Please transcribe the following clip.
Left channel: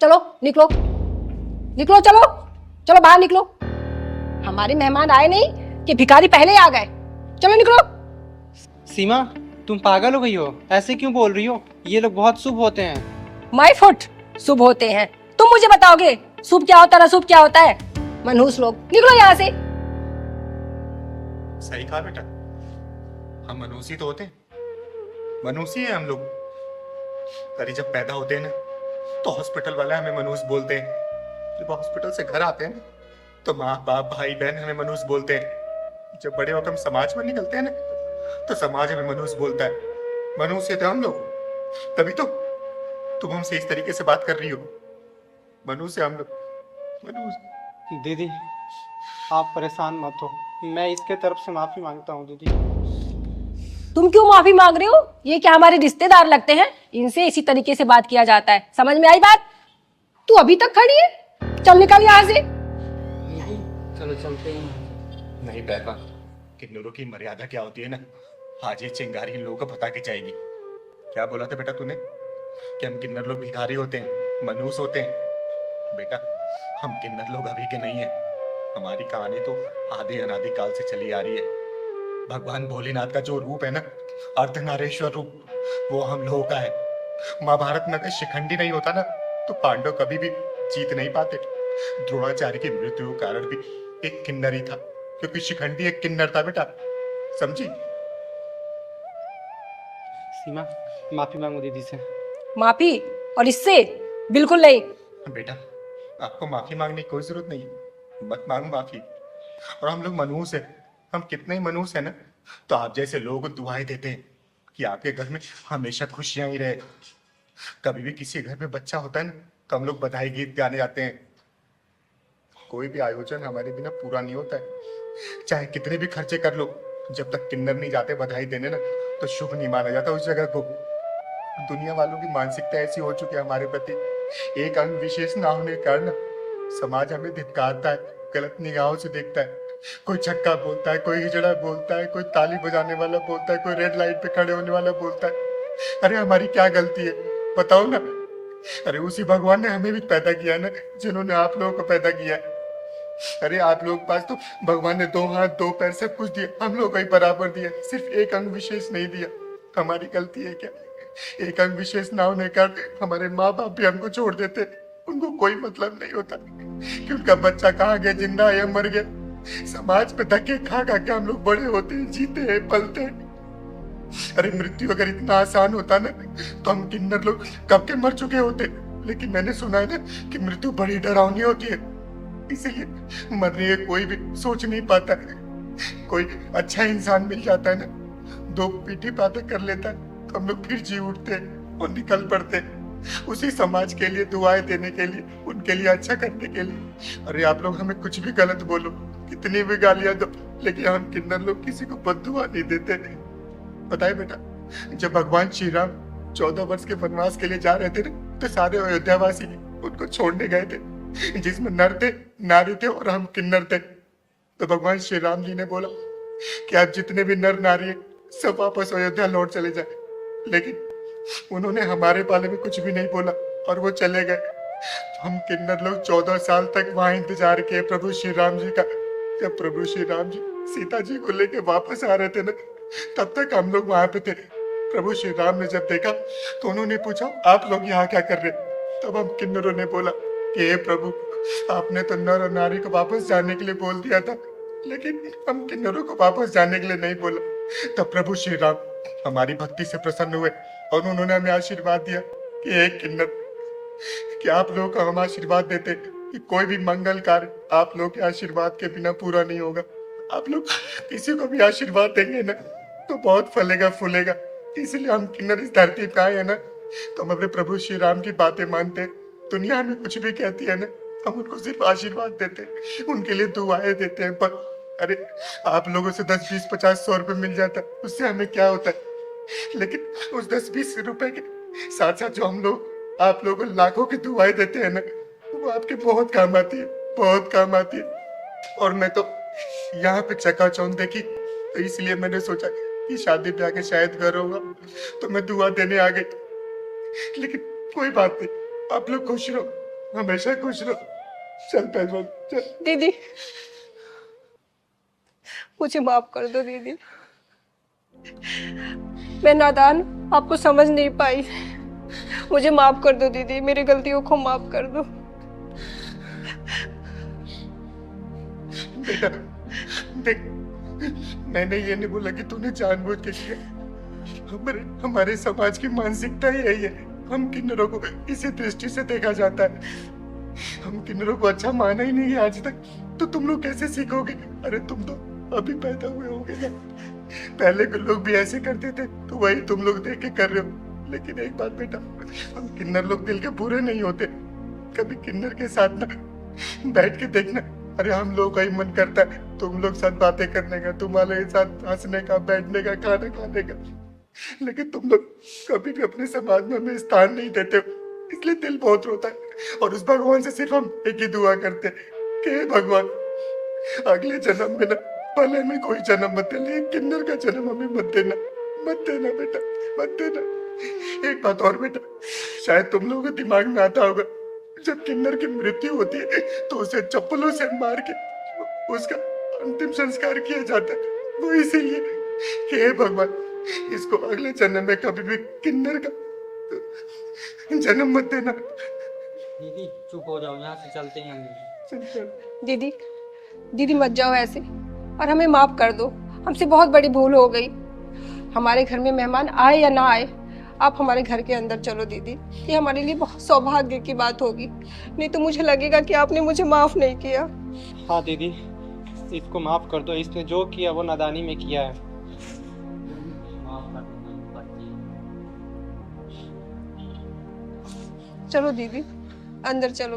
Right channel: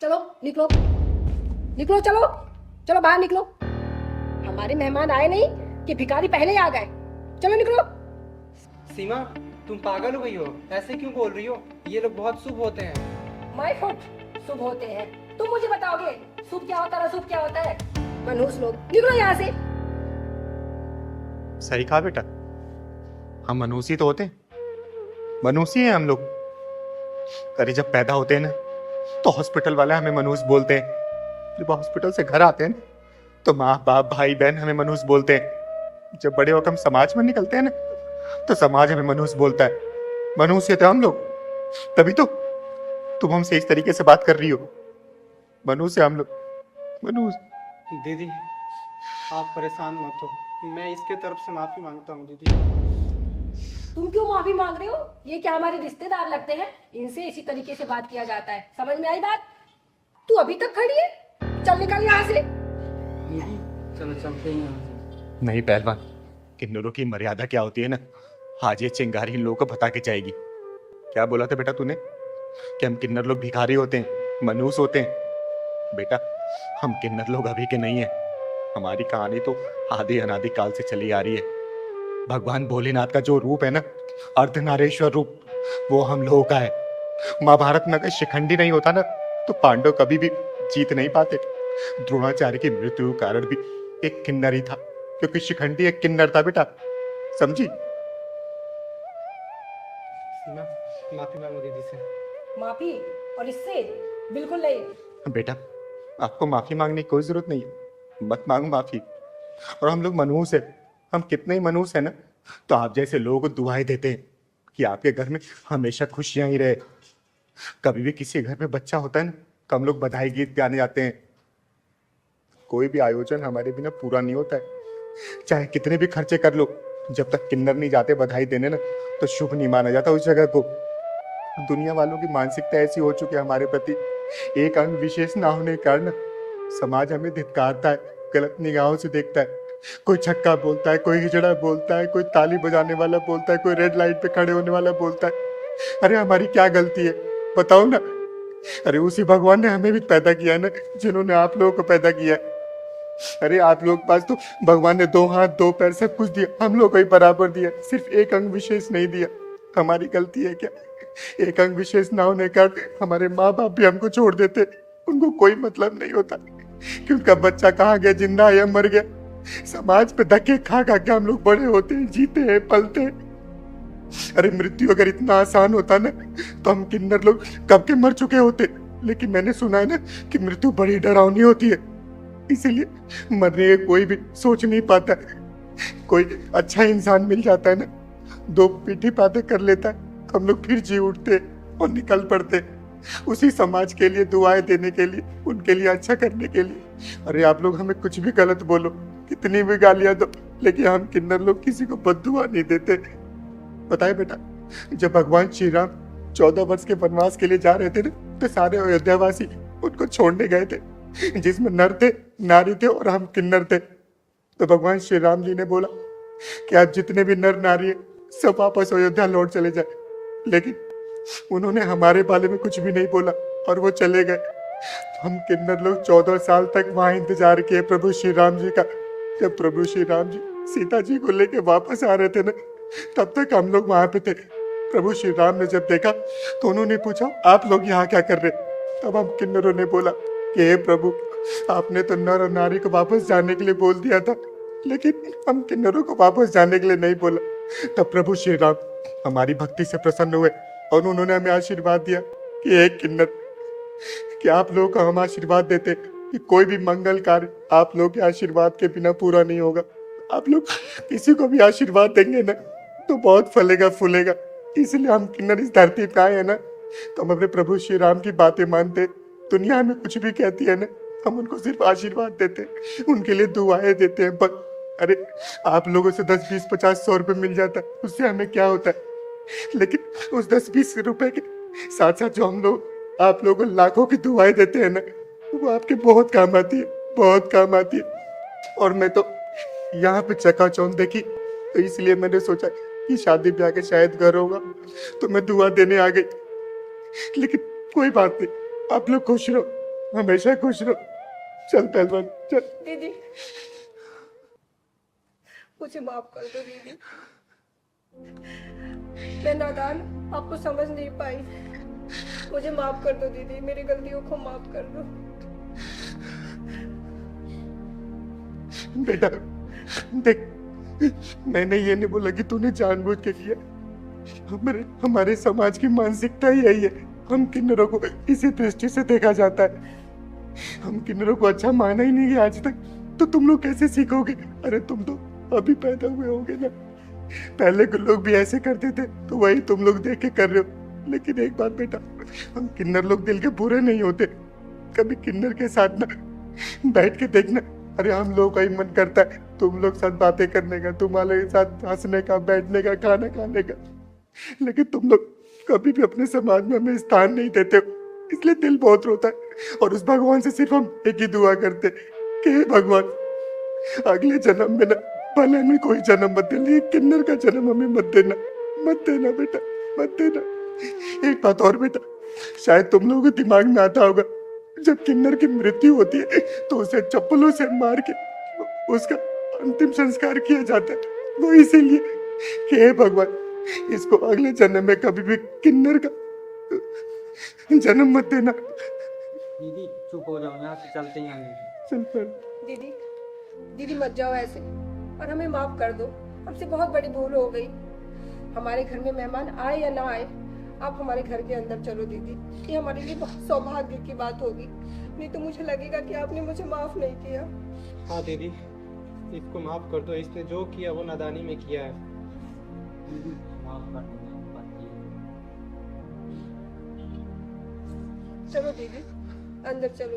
चलो निकलो, निकलो, चलो चलो बाहर निकलो। हमारे मेहमान आए नहीं कि भिखारी पहले ही आ गए। चलो निकलो। सीमा, तुम पागल हो गई हो? ऐसे क्यों बोल रही हो? ये लोग बहुत शुभ होते हैं। माय फुट, शुभ होते हैं? तुम मुझे बताओगे शुभ क्या होता है, अशुभ क्या होता है? मनहूस लोग, निकलो यहाँ से। सही कहा बेटा, हम मनुष्य तो होते हैं, मनुष्य हैं हम लोग। अरे जब पैदा होते हैं ना तो हॉस्पिटल वाले हमें मनुष्य बोलते हैं। जब हॉस्पिटल से घर आते हैं ना तो माँ बाप भाई बहन हमें मनुष्य बोलते हैं। जब बड़े होकर हम समाज में निकलते हैं ना तो समाज हमें मनुष्य बोलता है। मनुष्य थे हम लोग, तभी तो तुम हमसे इस तरीके से बात कर रही हो। मनुष्य हम लोग, मनुष्य। दीदी, आप परेशान मत हो, मैं इसके तरफ से माफी मांगता हूँ। दीदी, तुम क्यों माफी मांग रहे हो? ये क्या हमारे रिश्तेदार लगते हैं? इनसे इसी तरीके से बात किया जाता है। समझ में आई बात? तू अभी तक खड़ी है? चल निकल यहाँ से। चलो चलते हैं। नहीं पहलवान, किन्नरों की मर्यादा क्या होती है ना, आज ये चिंगारी इन लोगों को बता के जाएगी। क्या बोला था बेटा तूने कि हम किन्नर लोग भिखारी होते हैं, मनुष्य होते हैं? बेटा, हम किन्नर लोग अभी के नहीं है। हमारी कहानी तो आदि अनादि काल से चली आ रही है। भगवान भोलेनाथ का जो रूप है ना, अर्धनारेश्वर रूप, वो हम लोगों का है। महाभारत में अगर शिखंडी नहीं होता ना तो पांडव कभी भी जीत नहीं पाते। द्रोणाचार्य की मृत्यु का कारण भी एक किन्नर ही था, क्योंकि शिखंडी एक किन्नर था बेटा, समझी? सीमा, माफी मांगो दीदी से। माफी? और इससे? बिल्कुल नहीं। बेटा, आपको माफी मांगने की कोई जरूरत नहीं है, मत मांगो माफी। और हम लोग मनुष्य है, हम कितने ही मनुष्य है ना, तो आप जैसे लोगों को दुआएं देते हैं कि आपके घर में हमेशा खुशियां ही रहे। कभी भी किसी घर में बच्चा होता है ना तो हम लोग बधाई गीत गाने जाते हैं। कोई भी आयोजन हमारे बिना पूरा नहीं होता है, चाहे कितने भी खर्चे कर लो, जब तक किन्नर नहीं जाते बधाई देने ना तो शुभ नहीं माना जाता उस जगह को। दुनिया वालों की मानसिकता ऐसी हो चुकी है हमारे प्रति, एक अंग विशेष ना होने के कारण समाज हमें धिक्कारता है, गलत निगाहों से देखता है। कोई छक्का बोलता है, कोई हिजड़ा बोलता है, कोई ताली बजाने वाला बोलता है, कोई रेड लाइट पे खड़े होने वाला बोलता है। अरे हमारी क्या गलती है बताओ ना? अरे उसी भगवान ने हमें भी पैदा किया है ना, जिन्होंने आप लोगों को पैदा किया है। अरे आप लोग पास तो भगवान ने 2 हाथ 2 पैर सब कुछ दिया, हम लोग को ही बराबर दिया, सिर्फ एक अंग विशेष नहीं दिया। हमारी गलती है क्या? एक अंग विशेष ना होने का हमारे माँ बाप भी हमको छोड़ देते, उनको कोई मतलब नहीं होता कि उनका बच्चा कहाँ गया, जिंदा है या मर गया। समाज पे धक्के खा खा के हम लोग बड़े होते हैं, जीते हैं, पलते हैं। अरे मृत्यु अगर इतना आसान होता ना तो हम किन्नर लोग कब के मर चुके होते। लेकिन मैंने सुना है ना कि मृत्यु बड़ी डरावनी होती है, इसीलिए मरने का कोई भी सोच नहीं पाता। कोई अच्छा इंसान मिल जाता है ना, 2 पीठी बातें कर लेता है तो हम लोग फिर जी उठते और निकल पड़ते उसी समाज के लिए, दुआएं देने के लिए, उनके लिए अच्छा करने के लिए। अरे आप लोग हमें कुछ भी गलत बोलो, कितनी भी गालियां दो, लेकिन हम किन्नर लोग किसी को बद्दुआ नहीं देते। बताए बेटा, जब भगवान श्री राम 14 वर्ष के वनवास के लिए जा रहे थे ना तो सारे अयोध्यावासी उनको छोड़ने गए थे, जिसमें नर थे, नारी थे और हम किन्नर थे। तो भगवान श्री राम जी ने बोला कि आज जितने भी नर नारी है सब वापस अयोध्या लौट चले जाए, लेकिन उन्होंने हमारे बारे में कुछ भी नहीं बोला और वो चले गए। हम किन्नर लोग 14 साल तक वहां इंतजार किए प्रभु श्री राम जी का। जब प्रभु श्री राम जी सीता जी को लेके वापस आ रहे थे ना तब तक हम लोग वहां पे थे। प्रभु श्री राम ने जब देखा तो उन्होंने पूछा आप लोग यहाँ क्या कर रहे? तब हम किन्नरों ने बोला कि हे प्रभु, आपने तो नर और नारी को वापस जाने के लिए बोल दिया था, लेकिन हम किन्नरों को वापस जाने के लिए नहीं बोला। तब प्रभु श्री राम हमारी भक्ति से प्रसन्न हुए और उन्होंने हमें आशीर्वाद दिया कि हे किन्नर, कि आप लोगों का हम आशीर्वाद देते कि कोई भी मंगल कार्य आप लोगों के आशीर्वाद के बिना पूरा नहीं होगा। आप लोग किसी को भी आशीर्वाद देंगे ना तो बहुत फलेगा फूलेगा, इसलिए हम किन्नर इस धरती पे आए हैं ना तो हम अपने प्रभु श्री राम की बातें मानते। दुनिया हमें कुछ भी कहती है ना, हम उनको सिर्फ आशीर्वाद देते हैं, उनके लिए दुआएं देते हैं। पर अरे आप लोगों से 10, 20, 50, 100 रुपए मिल जाता है, उससे हमें क्या होता है? लेकिन उस 10-20 रुपए के साथ साथ जो हम लोग आप लोगों को लाखों की दुआएं देते हैं ना, वो आपके बहुत काम आती है, बहुत काम आती है। और मैं तो यहाँ पे चकाचौंध देखी तो इसलिए मैंने सोचा कि शादी ब्याह के शायद घर होगा तो मैं दुआ देने आ गई। लेकिन कोई बात नहीं, आप लोग खुश रहो, हमेशा खुश रहो। चल पहलवान चल। दीदी मुझे माफ कर दो दीदी, मैं नादान आपको समझ नहीं पाई। मुझे माफ कर दो दीदी, मेरी गलतियों को माफ कर दो। बेटा देख, मैंने ये नहीं बोला कि तूने जानबूझ के किया। हमारे समाज की मानसिकता ही यही है, हम किन्नरों को इसी दृष्टि से देखा जाता है। हम किन्नरों को अच्छा माना ही नहीं है आज तक, तो तुम लोग कैसे सीखोगे? अरे तुम तो अभी पैदा हुए होगे ना, पहले के लोग भी ऐसे करते थे, तो वही तुम लोग देख के कर रहे हो। लेकिन एक बात बेटा, हम किन्नर लोग दिल के पूरे नहीं होते। कभी किन्नर के साथ ना बैठ के देखना, अरे हम लोग का ही मन करता है तुम लोग साथ बातें करने का, तुम्हारे साथ हंसने का, बैठने का, खाना खाने का, लेकिन तुम लोग कभी भी अपने समाज में हमें स्थान नहीं देते हो, इसलिए दिल बहुत रोता है। और उस भगवान से सिर्फ हम एक ही दुआ करते हैं कि हे भगवान, अगले जन्म में ना भले में कोई जन्म मत दे, लेकिन किन्नर का जन्म हमें मत देना, मत देना बेटा, मत देना। एक बात और बेटा, शायद तुम लोगों को दिमाग में आता होगा, जब किन्नर की मृत्यु होती है तो उसे चप्पलों से मार के उसका अंतिम संस्कार किया जाता है। वो इसीलिए, हे भगवान, इसको अगले जन्म में कभी भी किन्नर का जन्म मत देना। दीदी चुप हो जाओ, यहाँ से चलते हैं। चल पर। दीदी दीदी मत जाओ ऐसे, और हमें माफ कर दो, हमसे बहुत बड़ी भूल हो गई। हमारे घर में मेहमान आए या ना आए, आप हमारे घर के अंदर चलो दीदी, ये हमारे लिए बहुत सौभाग्य की बात होगी, नहीं तो मुझे लगेगा कि आपने मुझे माफ नहीं किया। हाँ दीदी, इसको माफ कर दो, इसने जो किया वो नादानी में किया है। माफ कर दो चलो दीदी अंदर चलो।